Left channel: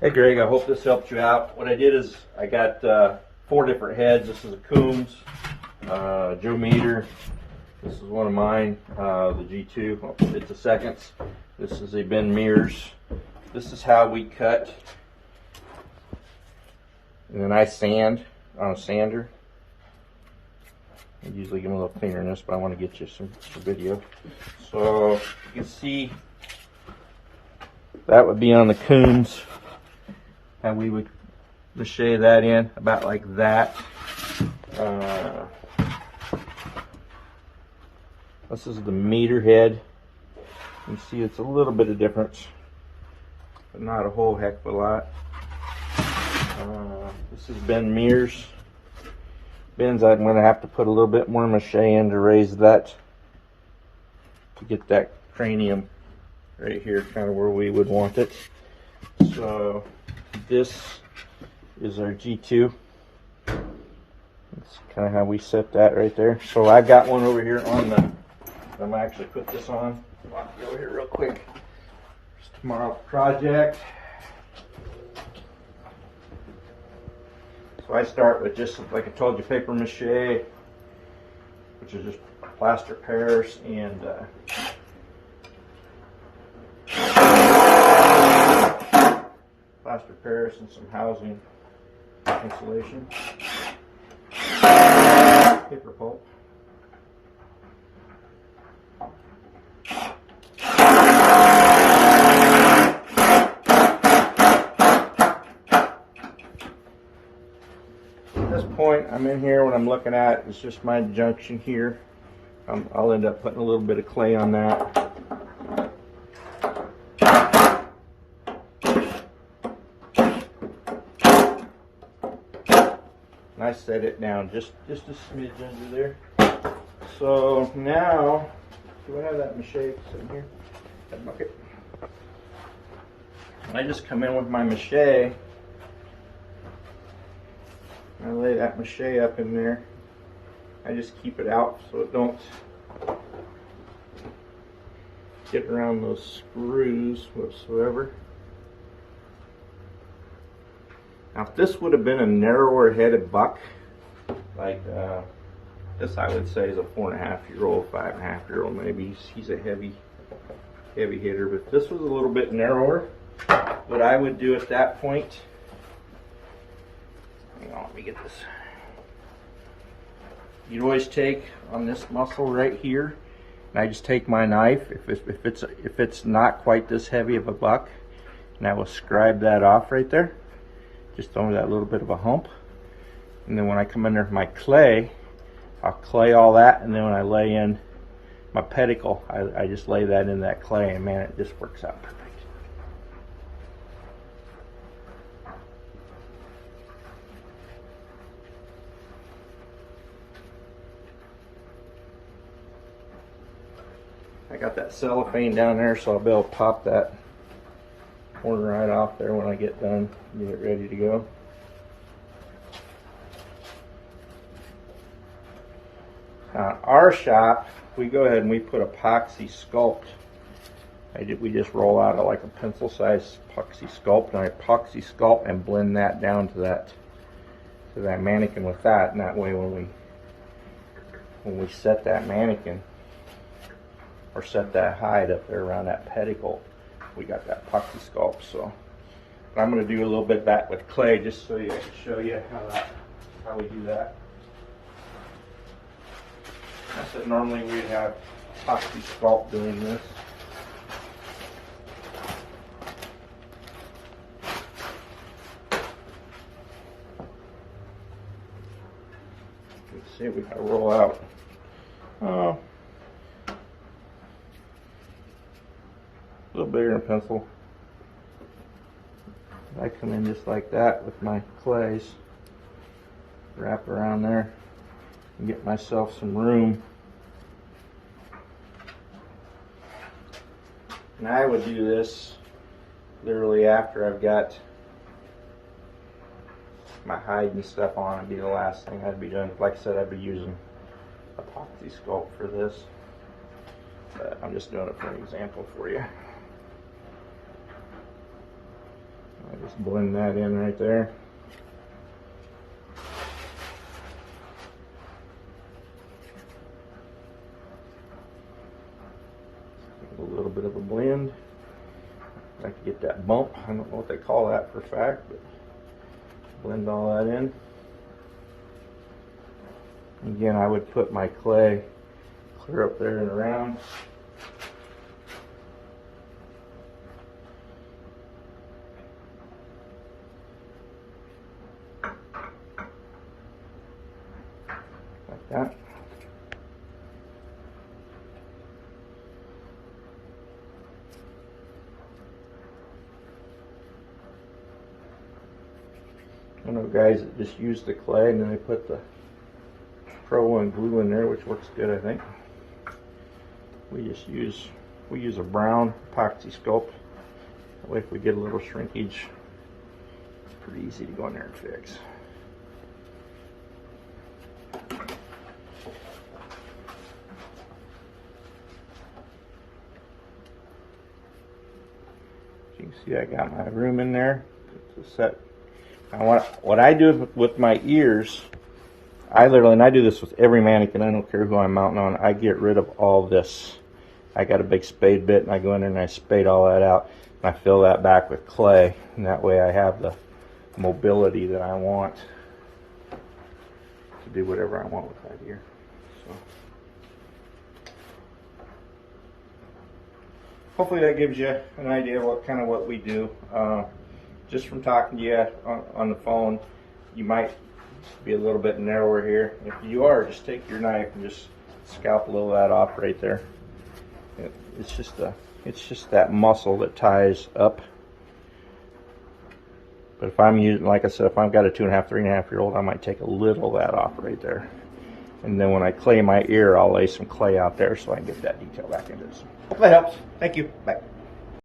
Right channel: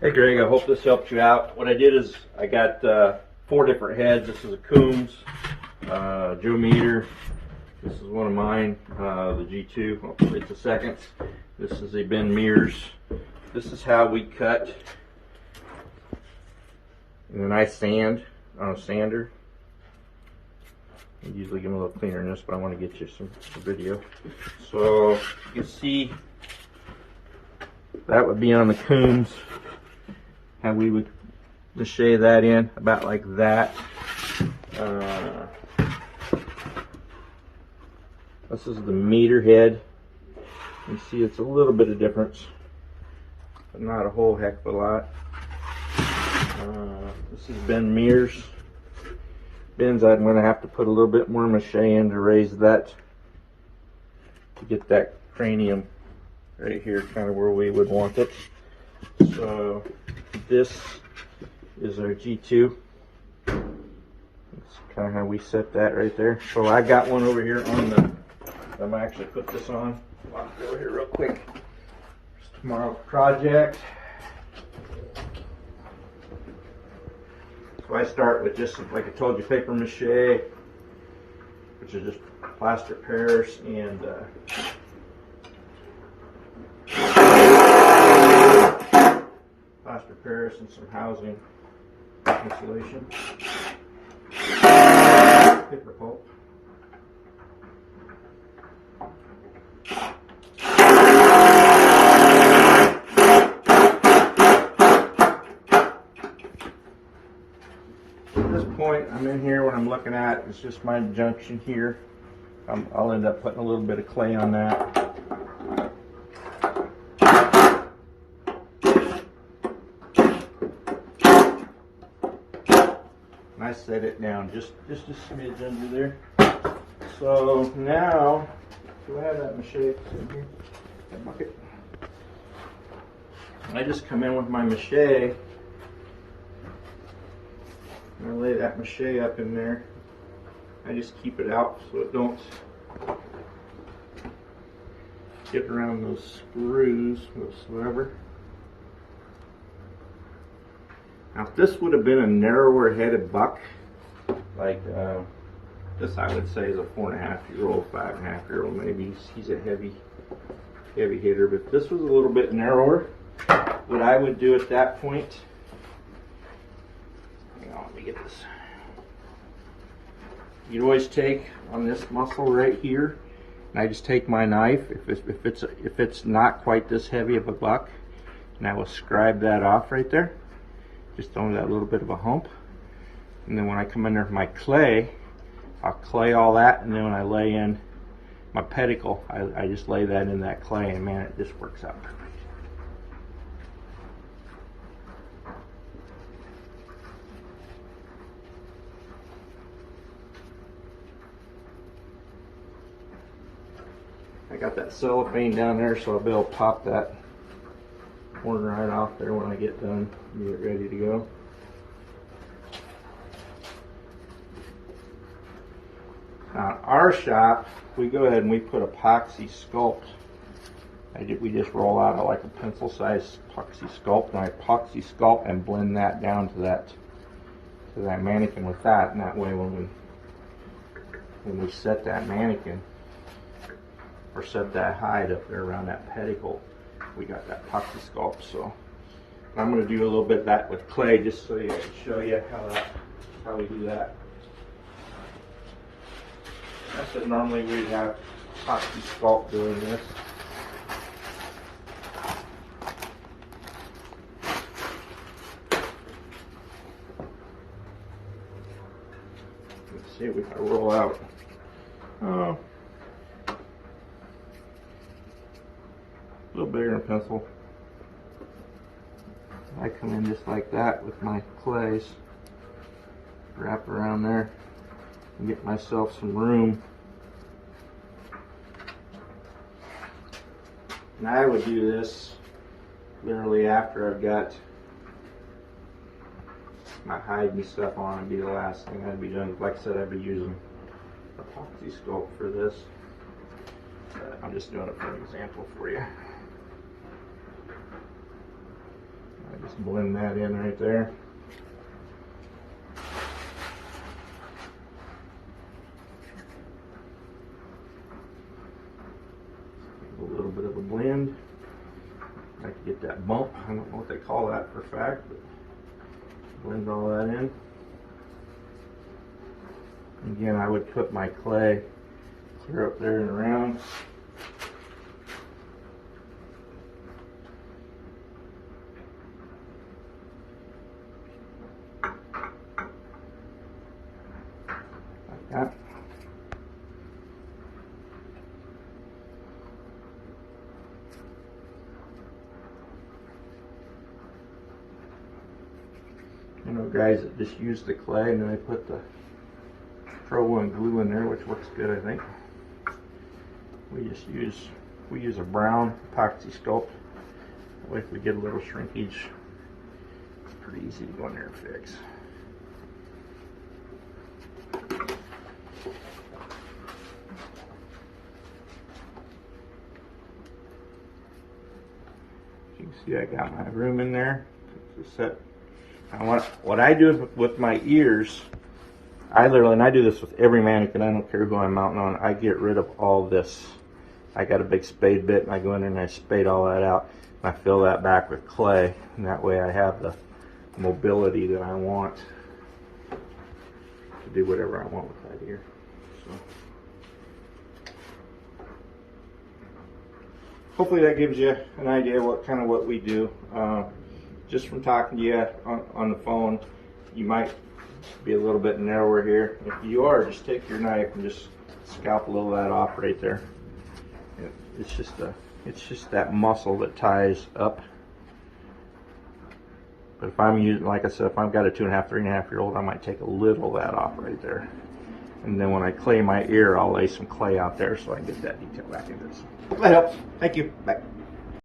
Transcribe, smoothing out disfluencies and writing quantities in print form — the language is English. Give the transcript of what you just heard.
Hey Greg, I hope this helped you out. What I did is I got 4 different heads. This is a Coombs, Joe Meter. This is one of mine, the G2. It's a seconds. This is a Ben Mears. This is how we cut. And then I sand on a sander. I usually get a little cleaner than this, but I want to get you some video. So you can see that would be on the Coombs. How we would mache that in about like that. This is the meter head. You see it's a little bit of difference, but not a whole heck of a lot. This is Ben Mears. Ben's I'm going to have to put a little bit more mache in to raise that, to get that cranium right here, kind of where we would want it. So this is our G2. That's kind of how we set that right there. So I got one over here on the, I'm going to actually put this on. I'll go over here real quick. It's tomorrow's project. So I start with just, like I told you, paper mache, which is just plaster Paris and plaster Paris and some housing insulation, paper pulp, at this point I'm in here. What I'm looking at is just my junction here. I'll end up putting a little bit of clay on that. I set it down just a smidge under there. So now, do I have that mache sitting here? That bucket. I just come in with my mache. I lay that mache up in there. I just keep it out so it don't get around those screws whatsoever. Now, if this would have been a narrower headed buck, like this, I would say is a 4.5-year-old, 5.5-year-old maybe. He's a heavy hitter. But if this was a little bit narrower, what I would do at that point, hang on, let me get this. You'd always take on this muscle right here, and I just take my knife, if it's not quite this heavy of a buck, and I will scribe that off right there. Just under that little bit of a hump. And then when I come in there with my clay, I'll clay all that, and then when I lay in my pedicle, I just lay that in that clay, and man, it just works out perfect. I got that cellophane down there, so I'll be able to pop that corner right off there when I get done, get it ready to go. Our shop, we go ahead and we put epoxy sculpt. We just roll out like a pencil size epoxy sculpt, and I epoxy sculpt and blend that down to that mannequin with that, and that way when we set that mannequin or set that hide up there around that pedicle, we got that epoxy sculpt. So I'm going to do a little bit of that with clay, just so I can show you how we do that. I said normally we'd have epoxy sculpt doing this. Let's see if we can roll out. Oh, a little bigger than a pencil. I come in just like that with my clays, wrap around there, and get myself some room. And I would do this literally after I've got my hide and stuff on. It'd be the last thing I'd be doing. Like I said, I'd be using epoxy sculpt for this, but I'm just doing it for an example for you. I just blend that in right there. A little bit of a blend. I like to get that bump. I don't know what they call that for a fact, but blend all that in. Again, I would put my clay clear up there and around. Like that. I know guys that just use the clay and then they put the Pro One glue in there, which works good, I think. We use a brown epoxy sculpt. That way, if we get a little shrinkage, it's pretty easy to go in there and fix. As you can see, I got my room in there to set. Now, what I do with my ears, and I do this with every mannequin, I don't care who I'm mounting on, I get rid of all this. I got a big spade bit and I go in there and I spade all that out. And I fill that back with clay, and that way I have the mobility that I want to do whatever I want with that ear. So, hopefully that gives you an idea what we do. Just from talking to you on the phone, you might be a little bit narrower here. If you are, just take your knife and just scalp a little of that off right there. It's just that muscle that ties up. But if I'm using, like I said, if I've got a 2.5, 3.5-year-old, I might take a little of that off right there. And then when I clay my ear, I'll lay some clay out there so I can get that detail back in this. Hope that helps. Thank you. Bye.